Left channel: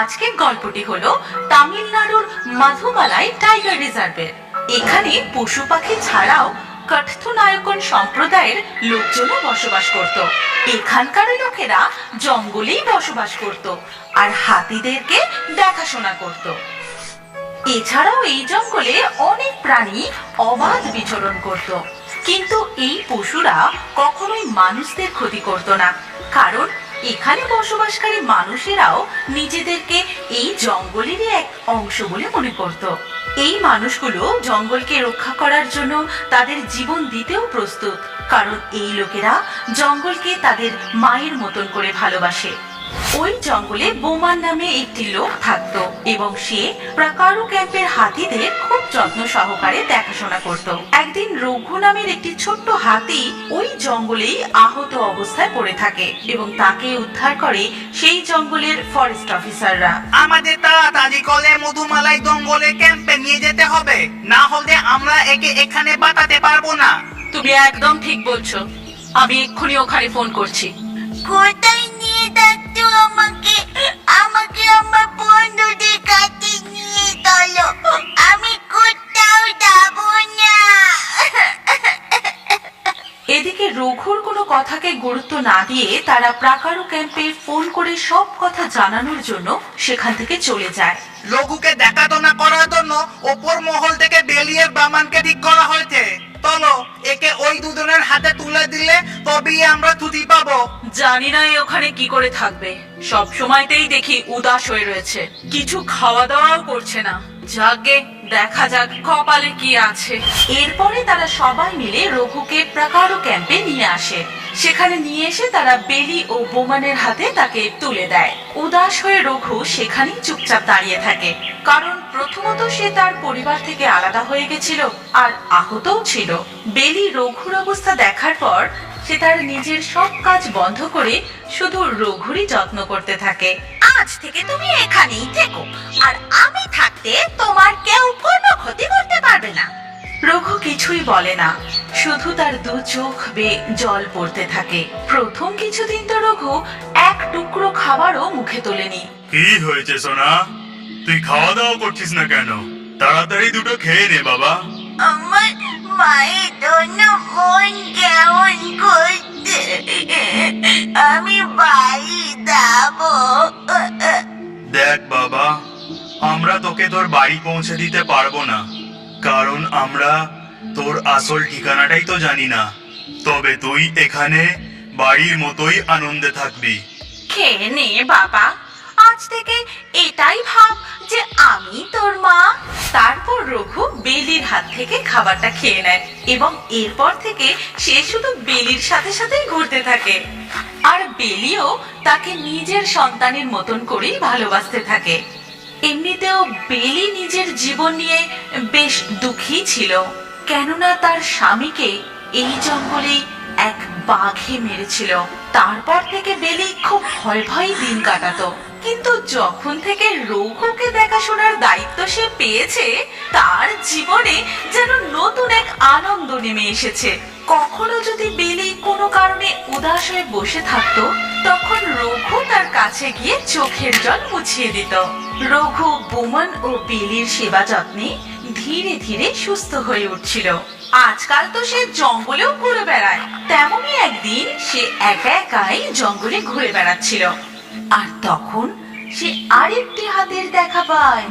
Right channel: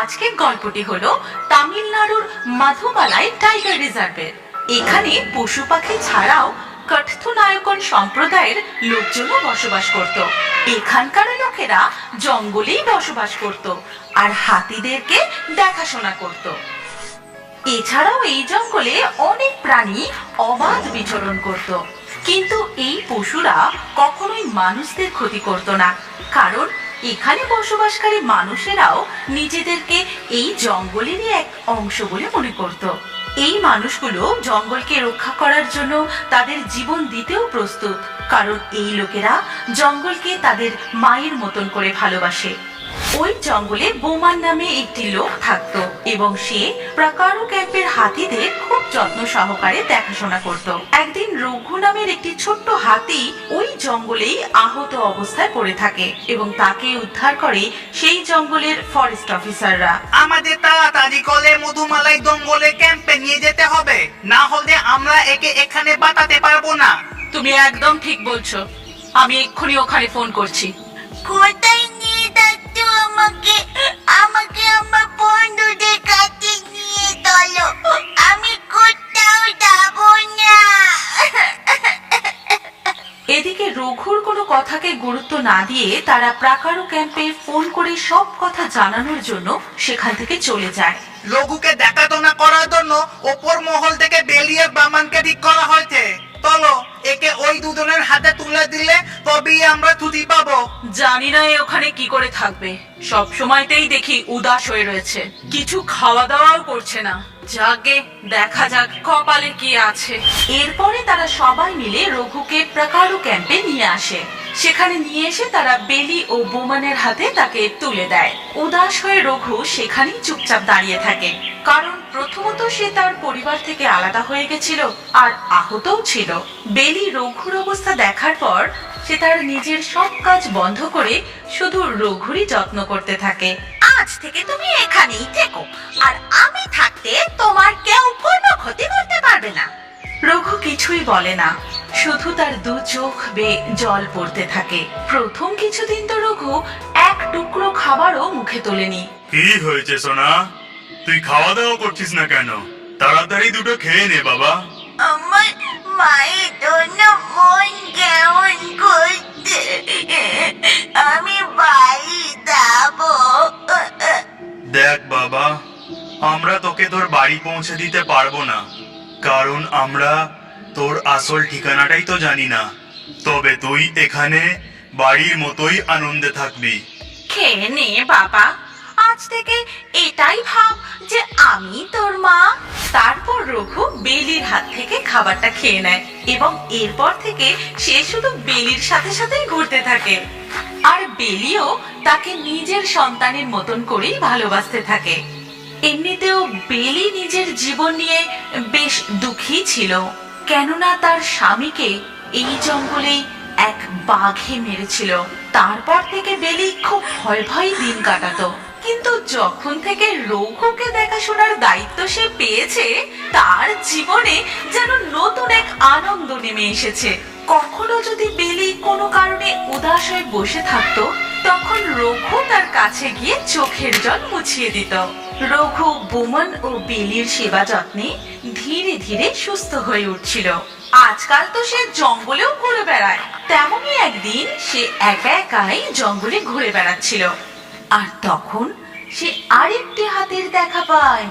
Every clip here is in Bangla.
আজকের গল্পটি হলো তামিলনাড়ুর মাধুমালাই টাইগার রিজার্ভের এখানে পশু পাখি ছাড়াও কথ্যনায়কন সম্প্রদায়ের লোকজনও বসবাস করত। এখানকার লোকেরা জঙ্গলেই বসবাস করত আর হাতিদেরকে দেখাশোনা করত। এছাড়াও এই জঙ্গলে অনেক প্রাণী অবাধ বিচরণ করত। কিন্তু এই পশুরা কখনোই মানুষদের ক্ষতি করত না। কারণ এখানে বসবাসকারী মানুষেরাও নিজেদেরকে এই জঙ্গলেরই এক অংশ বলে মনে করত। এই মানুষগুলো জঙ্গলকে রক্ষা করার জন্য তাদের জীবন দিতেও প্রস্তুত, কারণ এই লোকেরা জঙ্গলকে তাদের মায়ের মতন করে ভালোবাসে। ওই জঙ্গলে বোমান নামে একটি লোক থাকতো এবং সে প্রাকারু ক্যাম্পের হাতিদের খুব যত্ন সহকারে দেখাশোনা করত। একদিন রঘু নামের একটি ছোট্ট হাতি ওই জঙ্গলেই আহত অবস্থায় পড়ে থাকে এবং তাকে উদ্ধার করে সেই জঙ্গলের ফরেস্ট অফিসাররা আমাদের তাড়াতাড়ি করে মধুমালাই জঙ্গলে ক্যাম্পে নিয়ে যেতে হবে। না হলে আমরা একে এখানে বাঁচাতে পারব না। তুমি একদম ঠিক বলছো। আমি এক্ষুনি ওখানে ফোন করছি। কোথায় আমাকে আমাকে আমার বন্ধুদের কাছে নিয়ে চলো। আমি কোথাও যাব না। এদিকে রঘুর কোনো কথাকে গুরুত্ব না দিয়ে তারা প্রাকারু ক্যাম্পে ফোন করে সব কথা জানানোর জন্য সেখান থেকে চলে যায়। লঘুকে দেখাশোনা করার জন্য ওপর মহল থেকে বেলিয়ের বামানকে ঠিক করা হয়েছে। চলো একে ওই দুজনের হাতে তুলে দিলে তবেই আমরা ছুটি পাবো। জানি না এ ওখানে কি করে থাকবে। সব সময়তেই দেখি উদাস হয়ে রয়েছে। কিছু খাওয়া দাওয়াও করছে না। যাগে দেখা যাক কপালে কি আছে। এরপরে তারা সবাই মিলে রঘুকে প্রাকারু ক্যাম্পে নিয়ে আসে। সেখানে নিয়ে এসে তারা বেলি ও বোমানের হাতে তাকে তুলে দেয়। উদাস হয়ে রঘু সেখানেই চুপচাপ দাঁড়িয়ে থাকে। কারণ প্রথমত সে তার পরিবার থেকে আলাদা হয়ে গেছিল আর আহতও ছিল। বেলি রঘুর অবস্থা দেখার পর সে তার নিজের সব কাজ বন্ধ করে শুধু রঘুরই যত্ন করতে থাকে। আজ থেকে তুমি এখানেই থেকো, আর আমি থাকতে তোমার কেউ কোনো ক্ষতি করতে পারবে না। রঘু কিছুই বলে না। শুধু তার দু চোখ বেয়ে জল পড়তে থাকে। প্রথম কিছুদিন তো রঘু এক টুকরো খাবারও মুখে তোলেনি। কি হয়েছে সোনা? তুই খাওয়া দাওয়া করছিস না কেন? তাড়াতাড়ি দুটো খেয়ে নে বাবা। আমার মায়ের জন্য মন কেমন করছে? আমি বাড়ি যাব। দেখ বাবা আমরা তোকে তোর বাড়ি পৌঁছে দিতে পারব না। কারণ আমরা তোর আসল ঠিকানাটাই তো জানি না। তবে তুই এখানে বাড়ির মতোই আনন্দে থাকবি। খেয়ে নে, বাবা। আজ থেকে এটাই ভাব যে আমি তোর মা। তারপর রঘু বেলির হাত থেকে খাবারটা খেয়ে নেয় এবং এরপর থেকে সে শুধু বেলির সাথে সাথেই ঘুরতে থাকে। আর বেলিও তাকে নিজের সন্তানের মতন করেই ভালোবাসতে থাকে। এমনিতেও বেলি নিজের জীবন নিয়ে বেশ দুঃখী ছিল। কেননা তার স্বামীকে এই জঙ্গলেই এক বাঘে মেরেছিল। তারপর থেকে বেলি খুব ভয় ভয় দিন কাটাতো। কিন্তু যখন থেকে রঘুকে দেখাশোনার দায়িত্ব সে পেয়েছে, তার জীবনে যেন নতুন এক আনন্দ নেমে এসেছে। কখনো যদি বেলি কোনো কারণে উদাস হয়ে বসে থাকতো, তখন রঘু তার কাছে গিয়ে চোখের জল মুছিয়ে দিত। রঘু বুমন ও বেলির সেবা যত্নে ধীরে ধীরে সুস্থ হয়ে উঠছিল। আজকাল তো সে জঙ্গলেও ঘুরে বেড়ায়। তেমনই একদিন সে একা একাই জঙ্গলে ঘুরে বেড়াচ্ছিল। আর তখন সে আরেকটি হাতের দেখা পায়।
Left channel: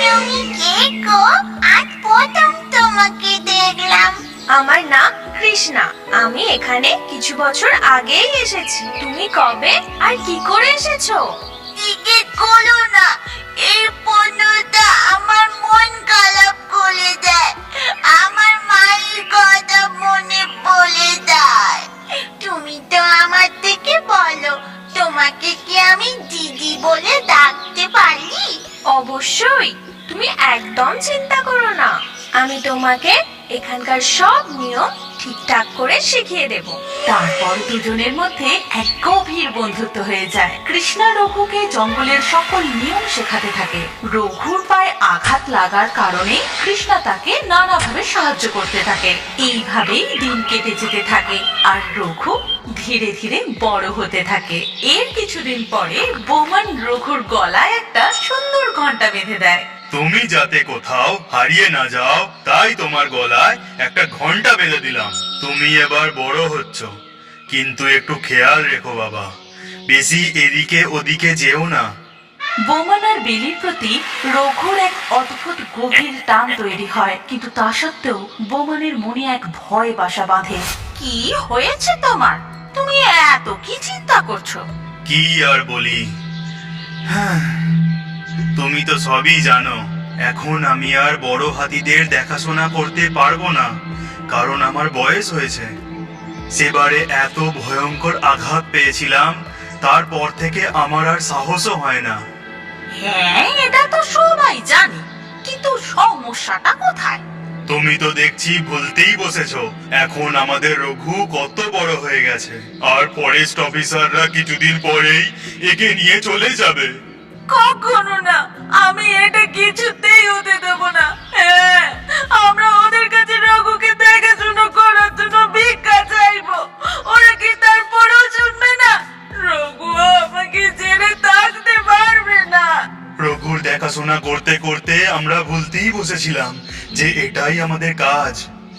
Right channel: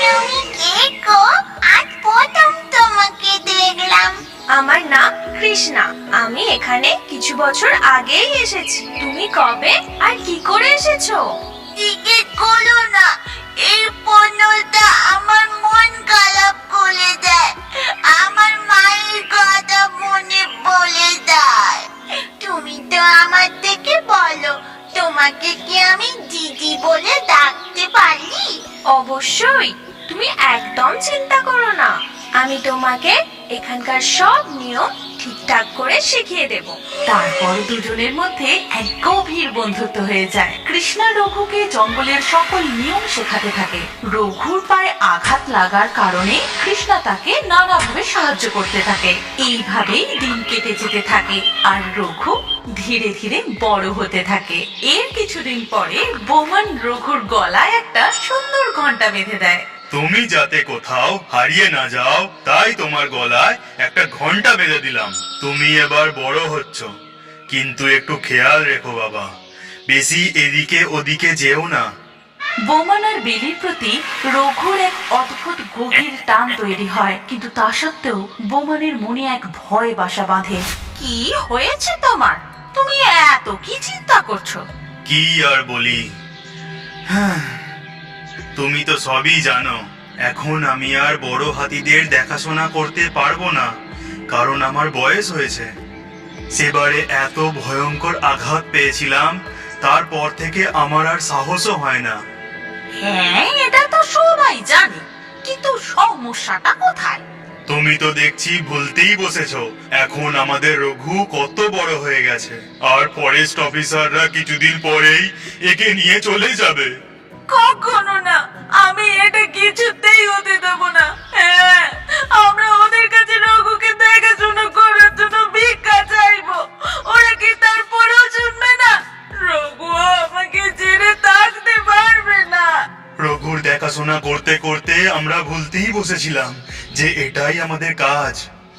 তুমি কে গো? আজ প্রথম তোমাকে দেখলাম। আমার নাম কৃষ্ণা। আমি এখানে কিছু বছর আগেই এসেছি। তুমি কবে আর কি করে এসেছ? জিজ্ঞেস করো না। এই পণ্যটা আমার মন খারাপ করে দেয়। আমার মায়ের কথা মনে পড়ে যায়। তুমি তো আমার থেকে বলো, তোমাকে কি আমি দিদি বলে ডাকতে পারি? অবশ্যই, তুমি একদম চিন্তা করো না। আমি তোমাকে এখানকার সব নিয়ম ঠিকঠাক করে শিখিয়ে দেব। তারপর দুজনের মধ্যে এক গভীর বন্ধুত্ব হয়ে যায়। কৃষ্ণা রঘুকে জঙ্গলের সকল নিয়ম শেখাতে থাকে। রঘুর পায়ে আঘাত লাগার কারণে কৃষ্ণা তাকে নানাভাবে সাহায্য করতে থাকে। এইভাবেই দিন কেটে যেতে থাকে আর রঘু ধীরে ধীরে বড় হতে থাকে। এর কিছুদিন পরে বোমান রঘুর গলায় একটা সুন্দর ঘণ্টা বেঁধে দেয়। তুমি যাতে কোথাও হারিয়ে না যাও তাই তোমার গলায় একটা ঘণ্টা বেঁধে দিলাম। তুমি এবার বড় হচ্ছ। কিন্তু একটু খেয়াল রেখো বাবা বেশি এদিকে ওদিকে যেও না। বোমান আর বেলির প্রতি রঘুর এক অদ্ভুত গভীর টান তৈরি হয়। কিন্তু তা সত্ত্বেও বোমানের মনে এক ভয় বাসা বাঁধে। কি হয়েছে তোমার? তুমি এত কি চিন্তা করছ? কি আর বলি? হ্যাঁ, তুমি তো সবই জানো। এখন আমি আর বড় হাতিদের দেখাশোনা করতে পারব না কারণ আমার বয়স হয়েছে। সেবারে এত ভয়ঙ্কর আঘাত পেয়েছিলাম তারপর থেকে আমার আর সাহসও হয় না। হ্যাঁ এটা তো সবাই জানে কিন্তু সমস্যাটা কোথায়? তুমি তো দেখছি ভুলতেই বসেছো এখন আমাদের রঘু কত বড় হয়ে গেছে। আর ফরেস্ট অফিসাররা কিছুদিন পরেই একে নিয়ে চলে যাবে। কখনো না। আমি এটা কিছুতেই হতে দেব না। হ্যাঁ আমরা ওদের কাছে রঘুকে দেখাশোনা করার জন্য ভিক্ষা চাইব। ওরা কি তারপরেও শুনবে না? রঘু আমাকে ছেড়ে থাকতে পারবে না। রঘুর দেখাশোনা করতে করতে আমরা ভুলতেই বসেছিলাম যে এটাই আমাদের কাজ।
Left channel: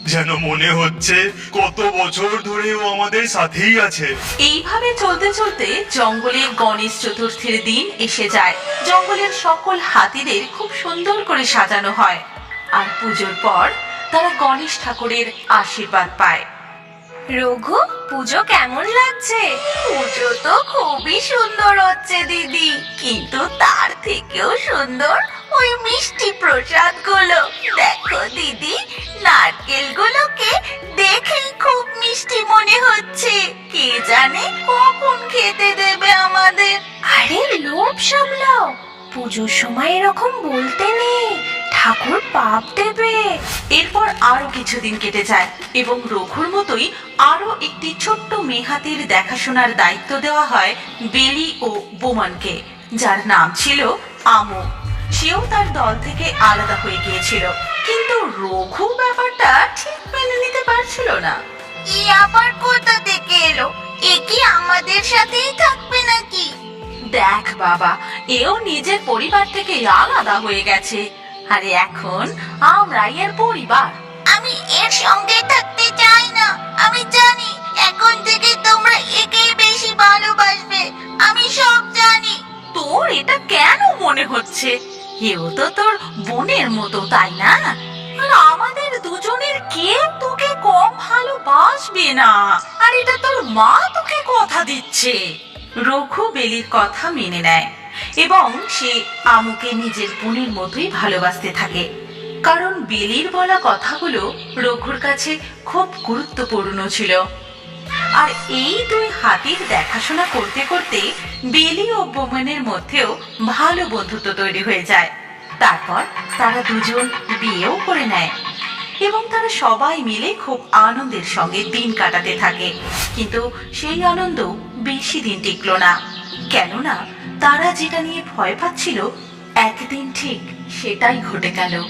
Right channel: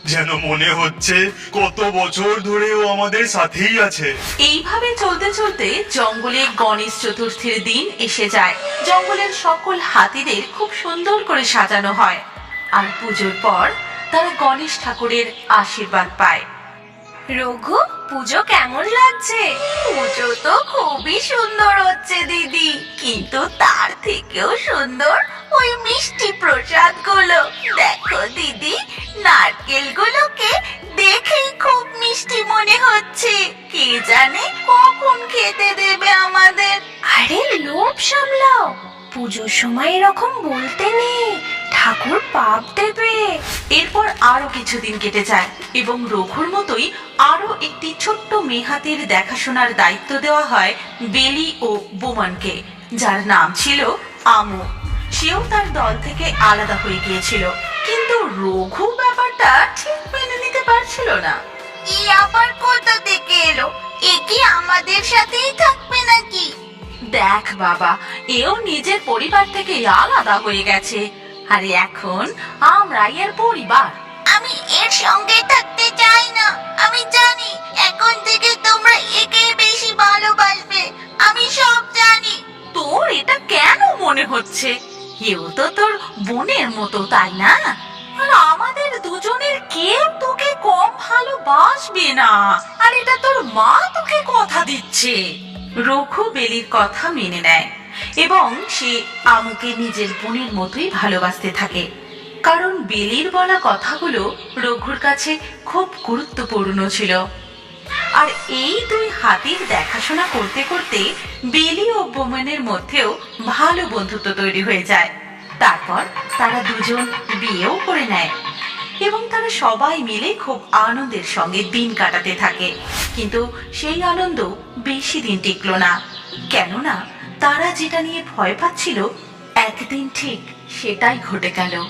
যেন মনে হচ্ছে কত বছর ধরে ও আমাদের সাথেই আছে। এইভাবে চলতে চলতে জঙ্গলে গণেশ চতুর্থীর দিন এসে যায়। জঙ্গলের সকল হাতিদের খুব সুন্দর করে সাজানো হয়। আর পুজোর পর তারা গণেশ ঠাকুরের আশীর্বাদ পায়। রঘু পুজো কেমন লাগছে? পুজো তো খুবই সুন্দর হচ্ছে দিদি। কিন্তু তার থেকেও সুন্দর ওই মিষ্টি প্রসাদগুলো দেখো দিদি নারকেল গুলোকে দেখেই খুব মিষ্টি মনে হচ্ছে। কে জানে কখন খেতে দেবে আমাদের। আরে লোভ সামলাও। পুজোর সময় এরকম বলতে নেই। ঠাকুর পাপ দেবে। এরপর আরও কিছুদিন কেটে যায় এবং রঘুর মতোই আরও একটি ছোট্ট মেহাতির দেখাশোনার দায়িত্ব দেওয়া হয় বেলি ও বোমানকে, যার নাম ছিল আমু। সেও তার দল থেকে আলাদা হয়ে গিয়েছিল। কিন্তু রঘু ব্যাপারটা ঠিক মেনে নিতে পারছিল না। ই আবার কোথা থেকে এলো? এ কি আমাদের সাথেই থাকবে নাকি? দেখ বাবা এও নিজের পরিবার থেকে আলাদা হয়ে গেছে। আরে এখন আমরাই এর পরিবার। আমি এর সঙ্গে থাকতে চাই না। আমি জানি এখন থেকে তোমরা একেই বেশি ভালোবাসবে। আমি সব জানি। তোর এটা কেন মনে হচ্ছে? এও তো তোর বোনের মতো, তাই না? আর আমাদের দুজনের কেউ তোকে কম ভালোবাসবে না। আর এটা তোর মা তোকে কথা দিচ্ছে। রঘু বেলির কথা মেনে নেয় এবং সে আমুকে নিজের বোনের মতোই ভালোবাসতে থাকে। কারণ বেলির বলা কথাগুলো রঘুর কাছে খুব গুরুত্বপূর্ণ ছিল। আর এই দুই হাতির দেখাশোনা করতে করতে বেলি ও বোমেনের মধ্যেও ভালো বন্ধুত্ব তৈরি হয়ে যায়। তারপর তারা দুজন বিয়েও করে নেয় এবং তারা সবাই মিলে খুব আনন্দের সঙ্গে দিন কাটাতে থাকে। কিন্তু সেই আনন্দ বেশি দিন টিকলো না। কেননা তারা যেটা নিয়ে ভয় পাচ্ছিল, একদিন ঠিক সেটাই ঘটে গেল।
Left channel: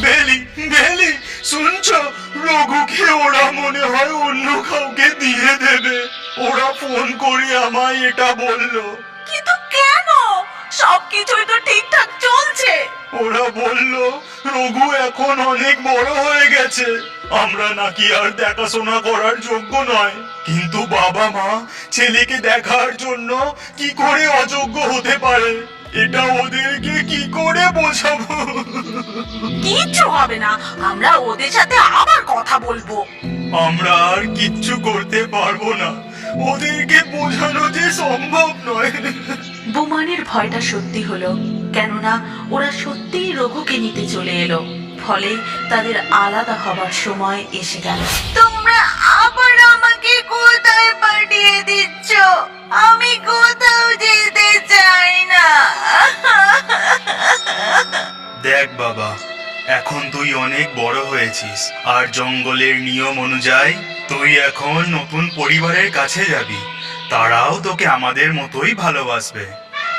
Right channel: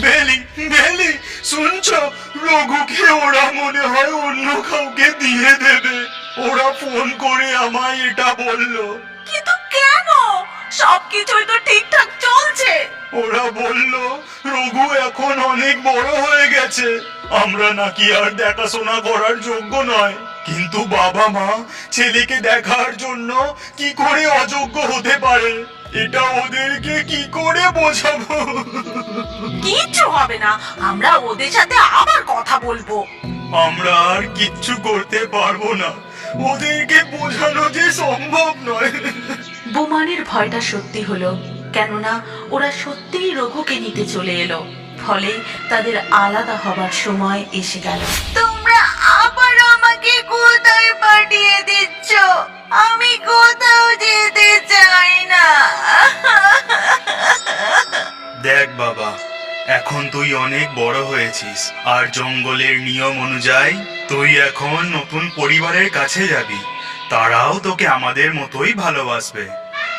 বেলি বেলি, শুনছো? রঘুকে ওরা মনে হয় অন্য কাউকে দিয়ে দেবে। ওরা ফোন করে আমায় এটা বলল। কিন্তু কেন? সবকিছুই তো ঠিকঠাক চলছে। ওরা বলল রঘু এখন অনেক বড় হয়ে গেছে। আমরা নাকি আর দেখাশোনা করার যোগ্য নয়। কিন্তু বাবা মা ছেলেকে দেখার জন্য কি করে অযোগ্য হতে পারে? এটা ওদেরকে কি করে বোঝাবো? কিচ্ছু হবে না। আমরা ওদের সাথে আবার কথা বলব। আমরা আর কিচ্ছু করতে পারব না। ওদেরকে বোঝানো যে সম্ভব নয়। বোমানের ভয়টা সত্যি হলো কেননা ওরা সত্যিই রঘুকে নিতে চলে এলো। ফলে তাদের আলাদা হবার সময় এসে গেল। তোমরা আবার আমাকে কোথায় পাঠিয়ে দিচ্ছ? আমি কোথাও যেতে চাই না। দেখ বাবা এখন তুই অনেক বড় হয়েছিস আর জঙ্গলের নিয়ম অনুযায়ী তুই এখন নতুন পরিবারের কাছে যাবি। তারাও তোকে আমাদের মতোই ভালোবাসবে।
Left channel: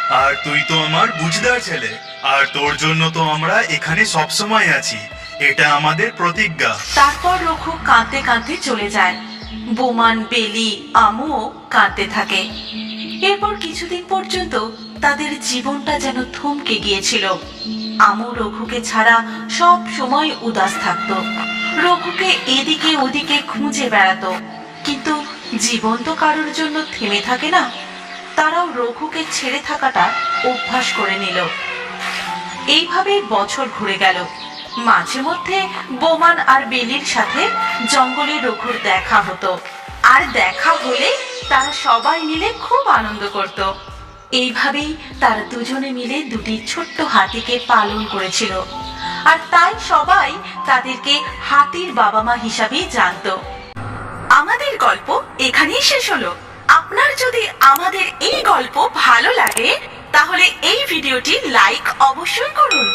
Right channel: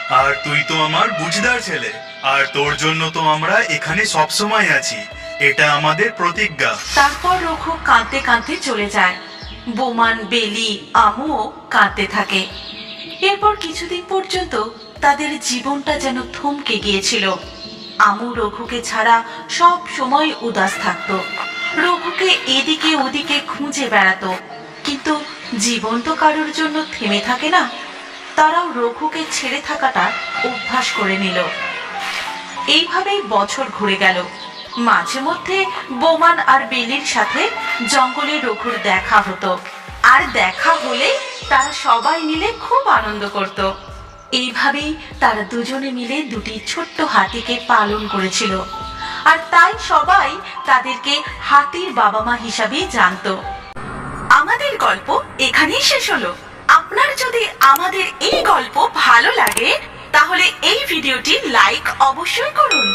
আর তুই তো আমার বুঝদার ছেলে। আর তোর জন্য তো আমরা এখানে সব সময় আছি। এটা আমাদের প্রতিজ্ঞা। তারপর রঘু কাঁদতে কাঁদতে চলে যায়। বোমান, বেলি, আমুও কাঁদতে থাকে। এরপর কিছুদিন পর্যন্ত তাদের জীবনটা যেন থমকে গিয়েছিল। আমু রঘুকে ছাড়া সব সময় উদাস থাকতো। রঘুকে এদিকে ওদিকে খুঁজে বেড়াতো। কিন্তু জীবন তো কারোর জন্য থেমে থাকে না। তারাও রঘুকে ছেড়ে থাকাটা অভ্যাস করে নিল। এইভাবেই বছর ঘুরে গেল। মাঝে মধ্যে বোমান আর বেলির সাথে জঙ্গলে রঘুর দেখা হতো। আর দেখা হলে তারা সবাই মিলে খুব আনন্দ করত। এইভাবেই তারা দুজনে মিলে দুটি ছোট্ট হাতিকে পালন করেছিল। আর তাই সবাই তাদেরকে হাতির বাবা মা হিসাবেই জানতো। আমাদের গল্প এখানেই শেষ হলো। আপনার যদি আমাদের এই গল্প ভালো লাগে, তাহলে এই ভিডিওটি লাইক অবশ্যই করুন।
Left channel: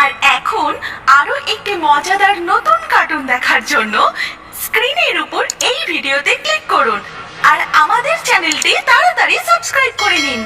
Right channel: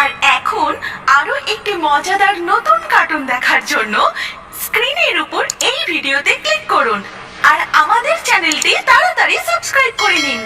আর এখন আরও একটি মজাদার নতুন কার্টুন দেখার জন্য স্ক্রিনের উপর এই ভিডিওতে ক্লিক করুন। আর আমাদের চ্যানেলটি তাড়াতাড়ি সাবস্ক্রাইব করে নিন।